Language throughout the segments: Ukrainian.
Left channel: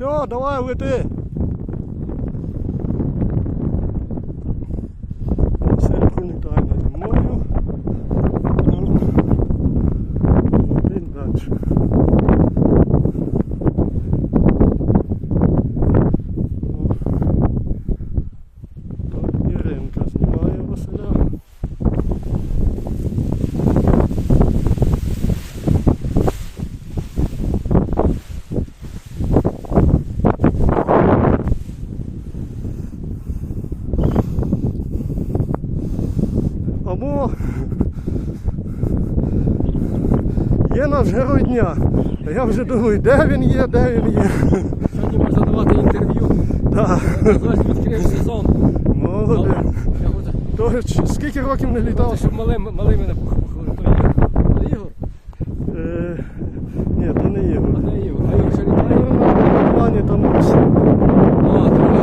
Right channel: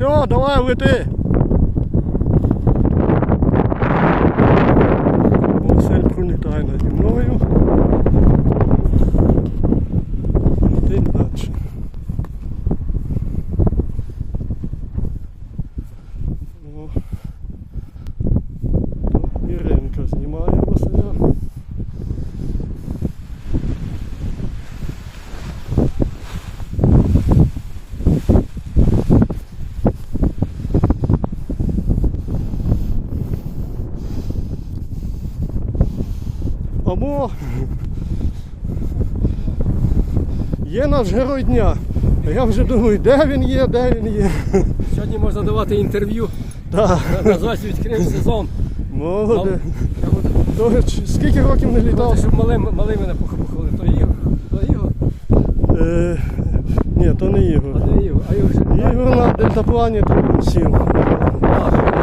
Все, давай лети. Василь пролітає наді мною. Летить далі. Іринка знімає Василя. Або є наш герой дня. А я вже думаю, де він є, де він є. Сьогодні можна давати інтерв'ю. Зараз відкрив сезон. молодець. Я То скільки років не літав? Щоб малим, малим мене похвалили. То Ігор. То Ігор? Е, ні, то не Ігор. Не Ігор. Ігор. Ігор на декаплані там сів.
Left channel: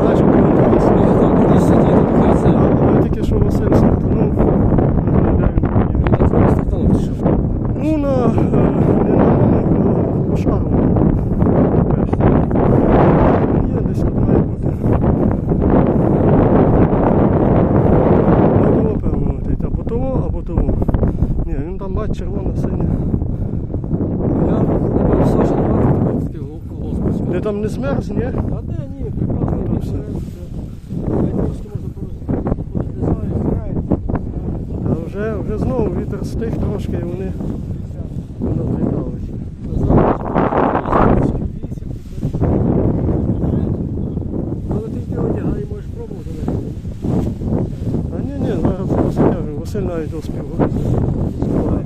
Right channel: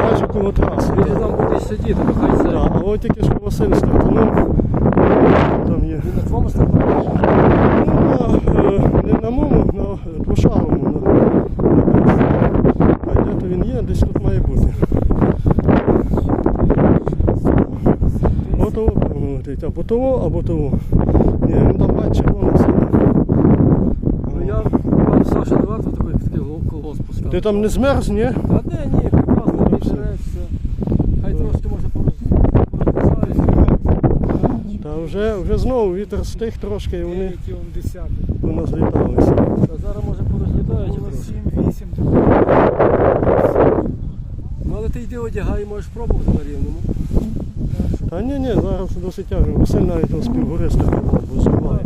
Бачу, кого трасу. Я знав, кудись сидіти. Хай це. Так, але тільки що Василь стартанув. Там є. На твоїй стартані. Ну, на, е, не на моєму, на двошаговому. Де він є, десь тут має бути. Або того, певно, летить. Або того, або того. Ні, він там бачить червоно колгоспу. Ти там не змерз, ні? А де ні, прекрасно, мені нравиться. Хай трошки може. Та вже, вже знову вітер стих трошки і вони у нас літалися. Ну, але ти йди одягай, можеш пробувати на рівному. Та ні, ні, зараз досить. Василь навіть успів гористи збиває.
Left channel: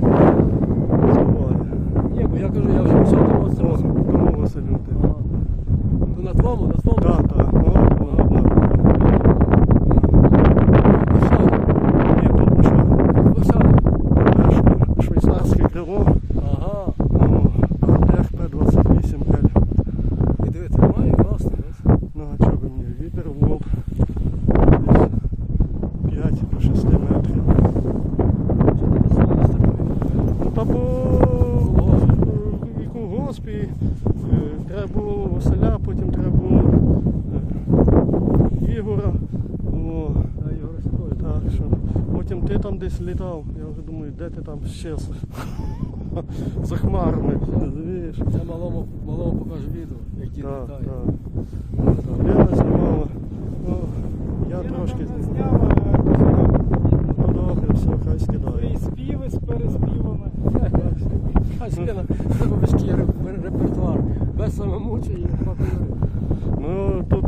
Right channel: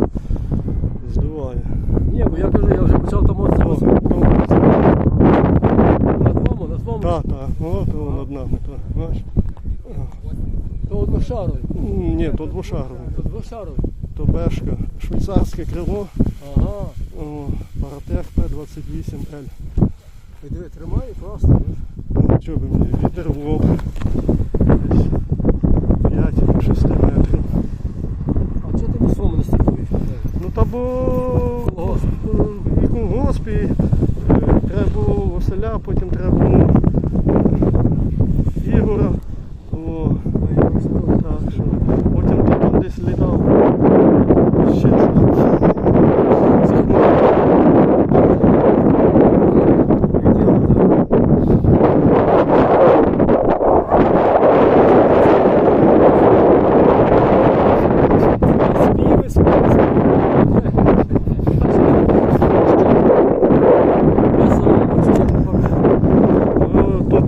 Збиває. Ні, бо я кажу, я вже почав О, тормозити. о, На твому, на твому. Так, так, вона одна. Душану. Ні, тут. Перше швейцарське крило. Ага. О, РП 28 L. І диви, тримає класно. знаєш. Ну, що би мені, вітер в лоб. 5 до 6 метрів. Що ти пішов на? Ну та бо е, і колгосп, і е, треба було Василя, потім треба було е, Ігора. О, так що. Потім ти там десь літав. Ще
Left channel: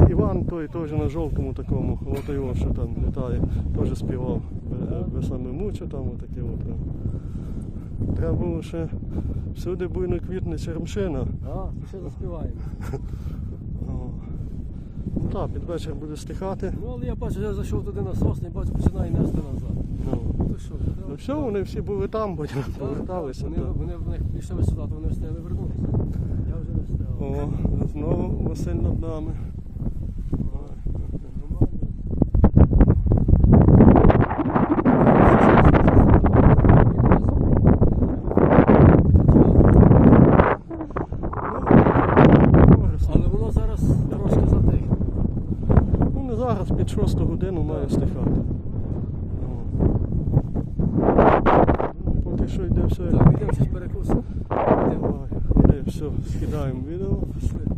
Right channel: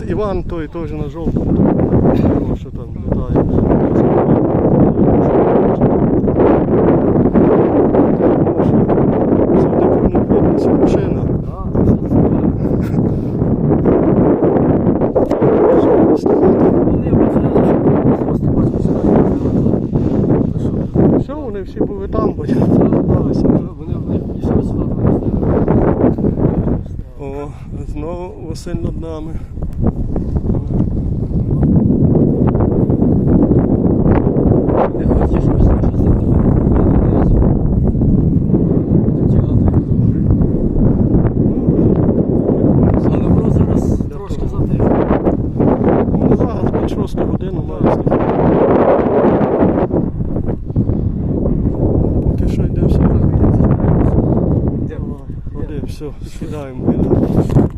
Іван той теж на жовтому такому, що там літає. вже співає. Машина. Що? Все, вони всі були там, бо я залишилися. О, знову Василь над нами. Ну, 6 годину має стати. Поки що йде все. Скидаємо. Їдемо.